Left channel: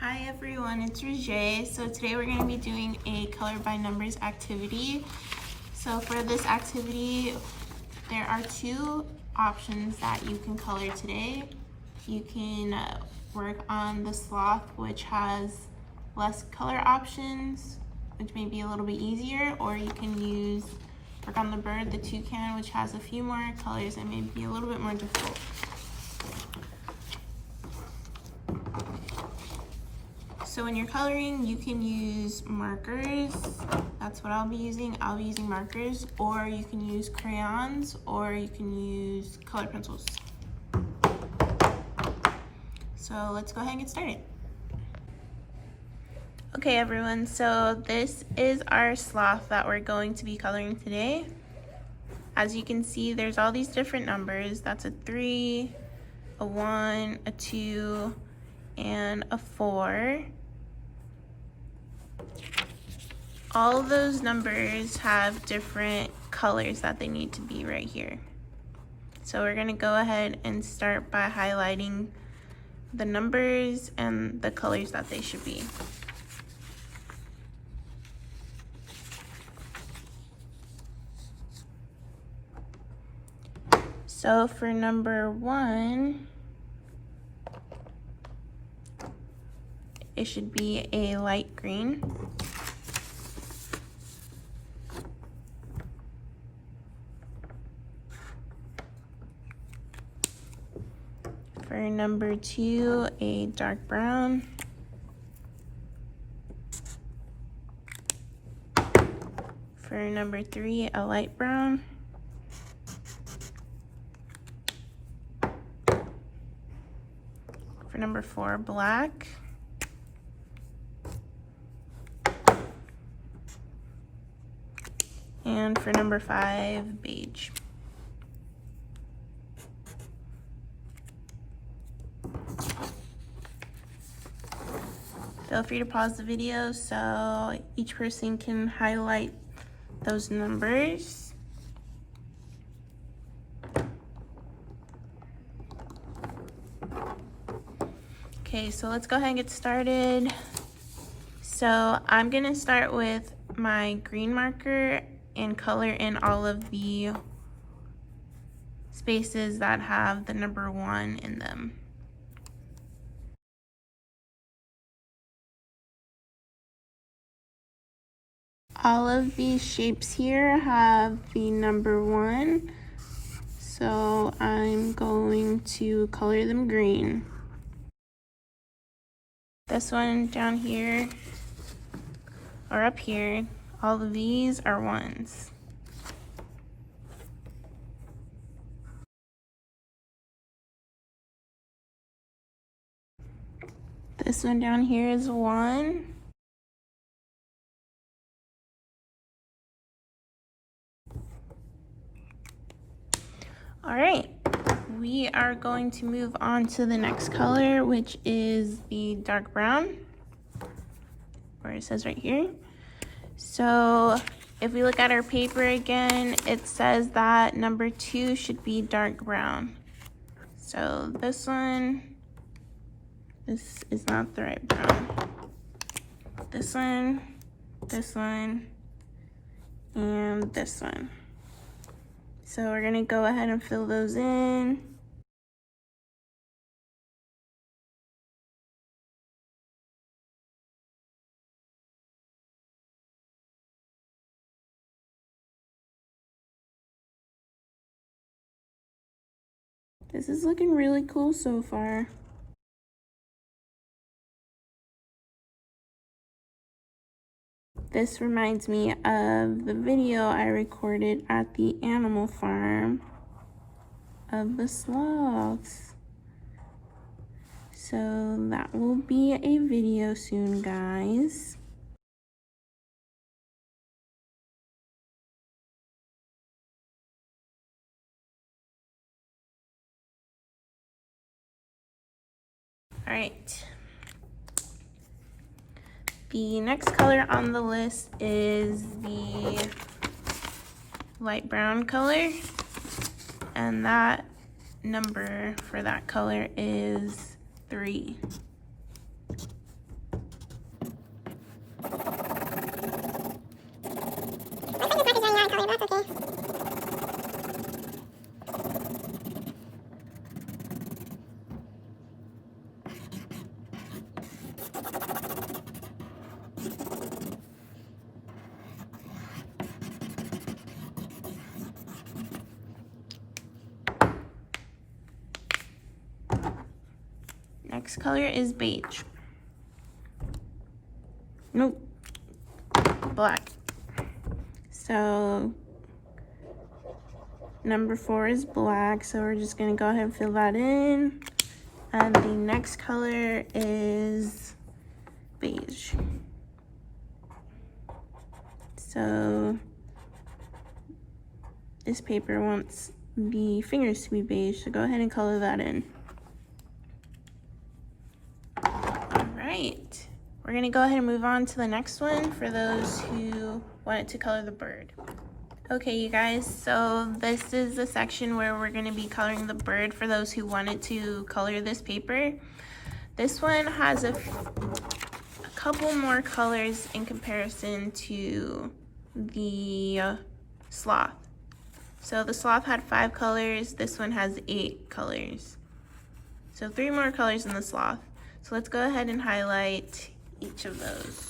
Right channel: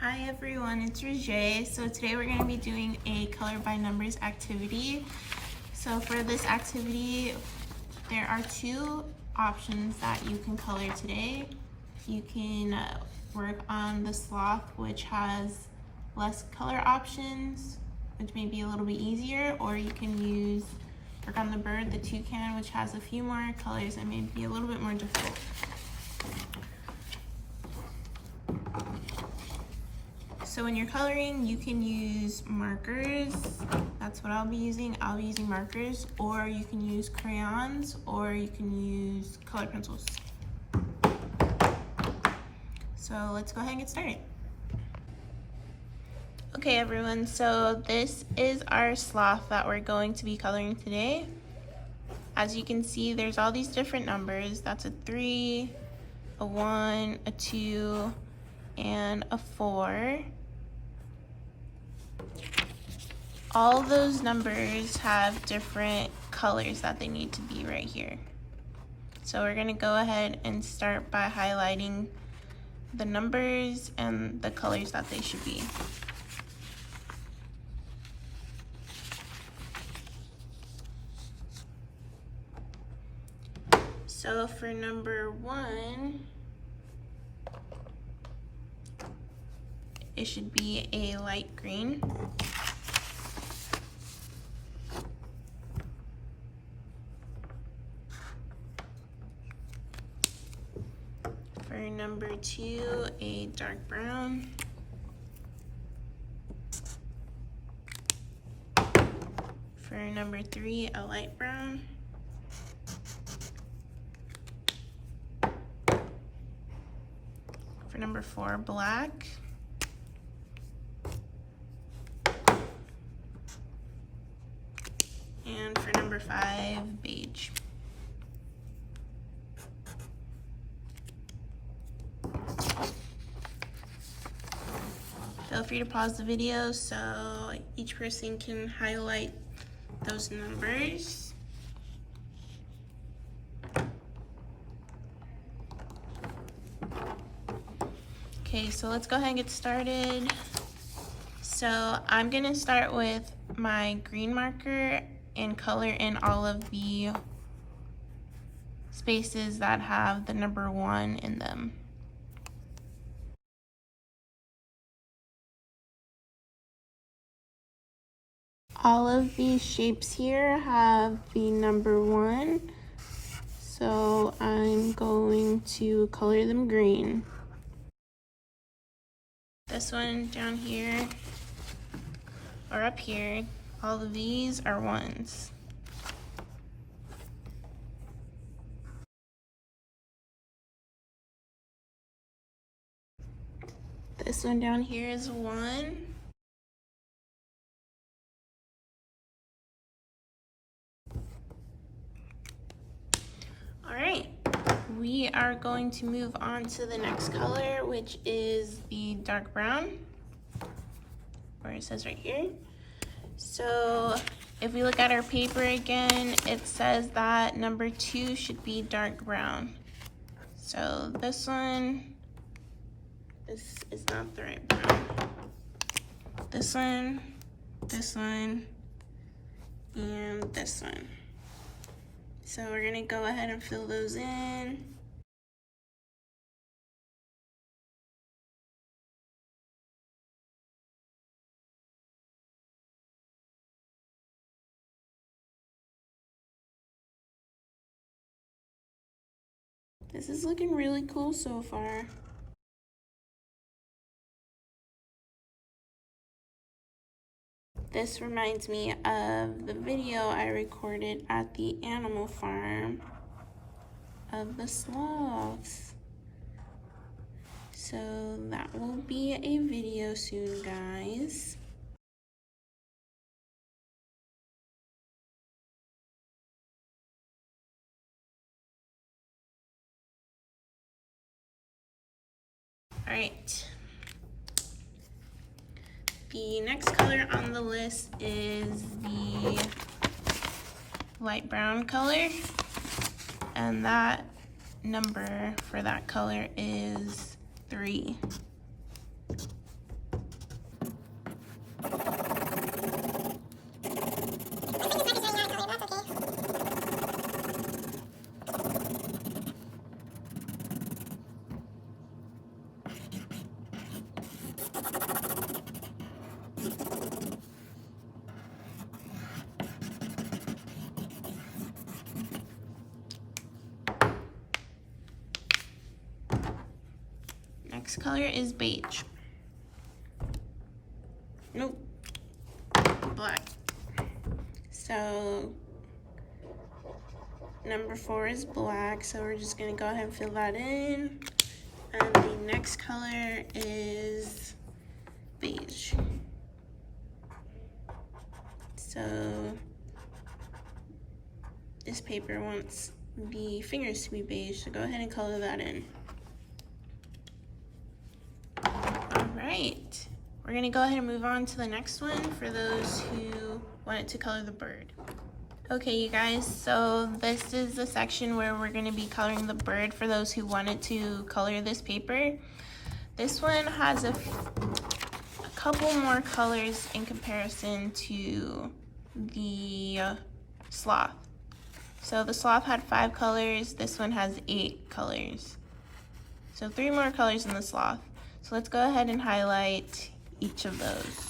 Hi everyone, it's Rajae. So today we're going to be doing a color by numbers activity. So for this activity, there are two options that you can color today. You can work on the sloth, which has less color options, which may be a little bit easier, or you can work on the bird, the toucan, which has a few more colors and may be a little bit more difficult. So when you're coloring, you can use markers. That's what I'll be using. I'll be using markers, or you can use crayons, or you can use color pencils. So let's go ahead and get started. Okay everyone, so this is our sloth that we're going to be coloring today. As you can see, there's all these different numbers. That's a 3, a 1, a 2, and a 4. All of those numbers have different colors that they need to be right here. So we're gonna go ahead and start by highlighting the numbers and the colors that they should be. So for number 1, it should be a light green. For number 2, a dark brown. For number 3, a light brown. For number 4, black. And for number 5, beige. Feel free to pause the video so each person can highlight those numbers. Okay, so let's go ahead and get started. So I'm gonna start with my green marker and color in all of the spaces that have the number 1 in them. All of these shapes here have the number 1, so I'm going to color them green. This one down here, or up here, all of these are 1s. This one down here is 1. All right, we are going to move on to the next color, which is the dark brown, where it says right here. So if we look at our paper again, it says that number 2 should be dark brown. So this is not the right brown. This one, and this one. So we're gonna go ahead and fill those in. This is looking really cool so far. This reminds me of the video I recorded at the animal farm of the sloths. So that will be a video soon, guys. All right. The next color on the list is the light brown color, and that number for that color is 3. next color is beige. Nope, black. So number 4 is black, so we're just gonna go ahead and fill that in. And the next color is beige. So this paper wants the fingers to be beige, so go ahead and color that in. All right, we're gonna go ahead and move on to the next one for those who wanted to color the bird. Okay, you guys, so this is the section where we're gonna be coloring the bird for those who wanted to color this paper. This one has a couple more colors in comparison to the sloth. So the sloth had 5 colors, this one has 8 colors. So 3 more colors than the sloth. So let's go ahead and highlight each of those.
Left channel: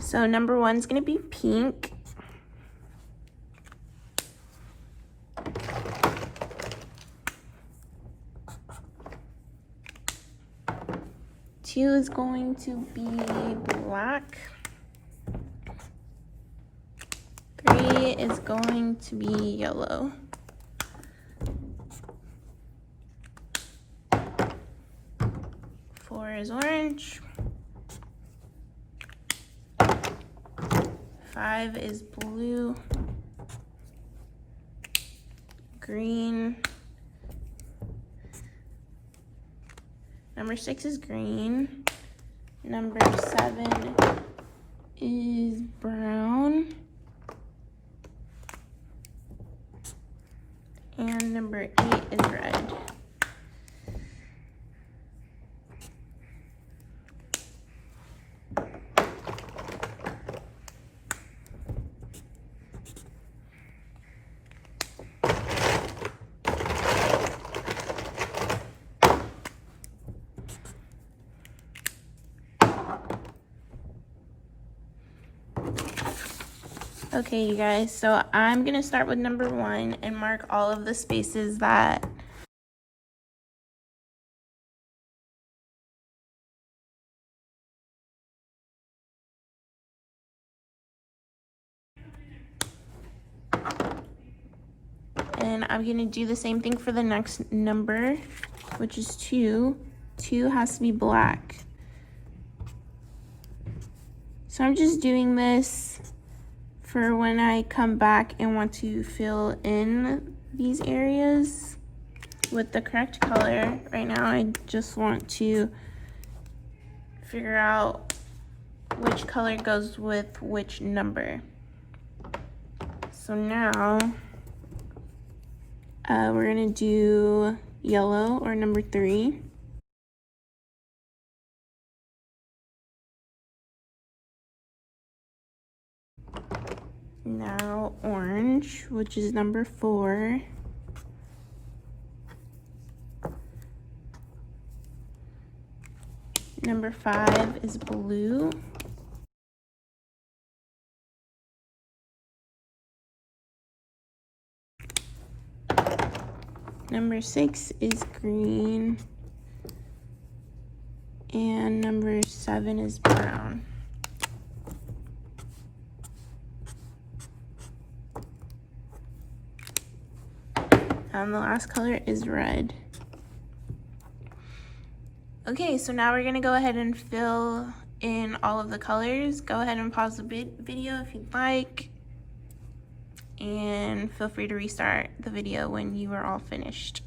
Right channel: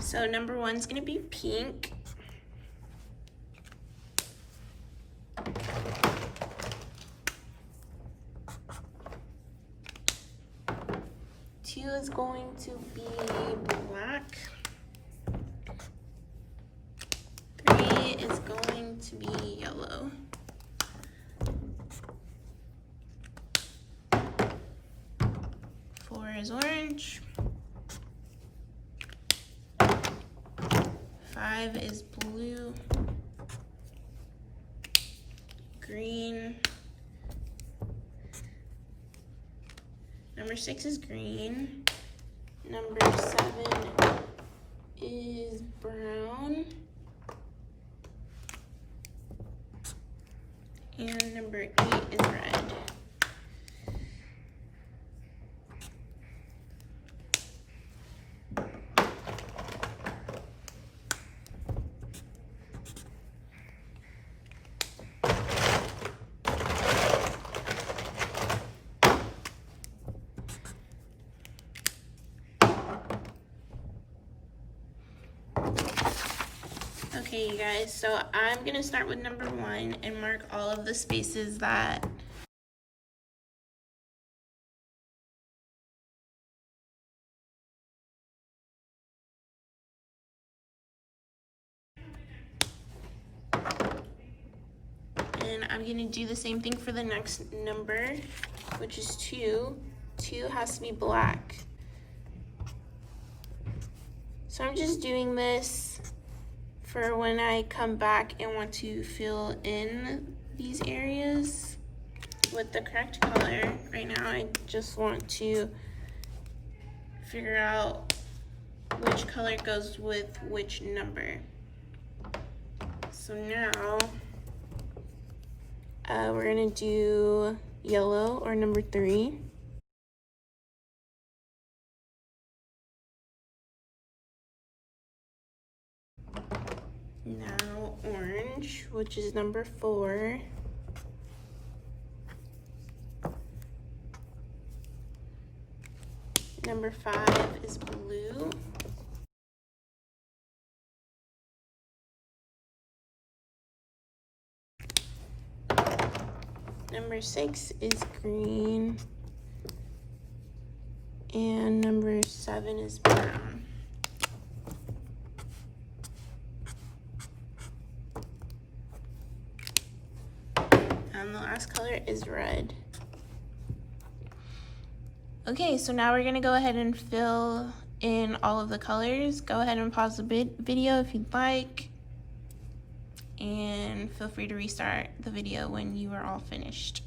So number 1 is gonna be pink. Two is going to be black. 3 is going to be yellow. 4 is orange. 5 is blue. Green. Number 6 is green. Number 7 is brown. And number 8 is red. Okay, you guys, so I'm gonna start with number 1 and mark all of the spaces that and I'm gonna do the same thing for the next number, which is 2. 2 has to be black. So I'm just doing this for when I come back and want to fill in these areas with the correct color. Right now I just want to figure out which color goes with which number. So now we're gonna do yellow, or number 3. Now orange, which is number 4. Number 5 is blue. Number 6 is green. And number 7 is brown. And the last color is red. Okay, so now we're gonna go ahead and fill in all of the colors. Go ahead and pause the video if you'd like. And feel free to restart the video when you are all finished.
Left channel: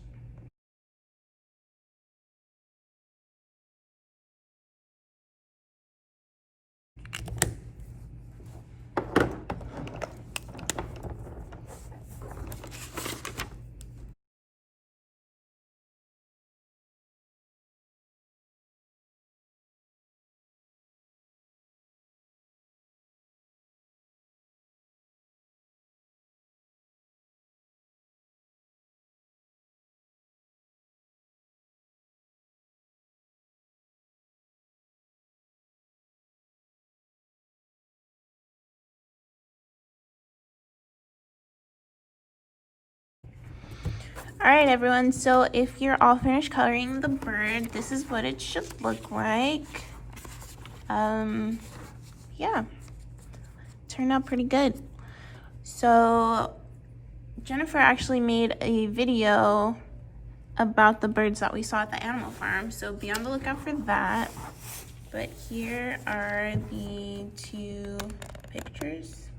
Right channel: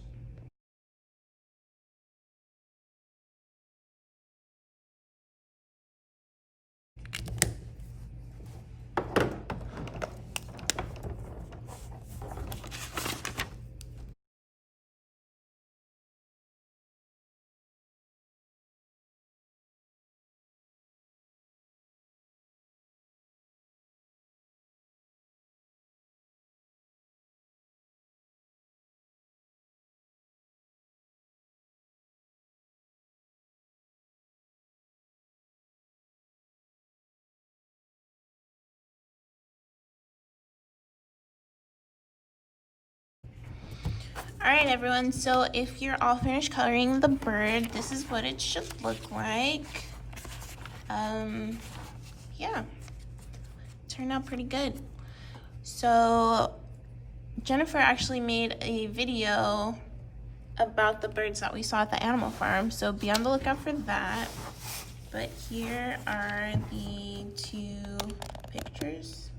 All right, everyone, so if you're all finished coloring the bird, this is what it should look like. Yeah, turned out pretty good. So Jennifer actually made a video about the birds that we saw at the animal farm, so be on the lookout for that. But here are the two pictures.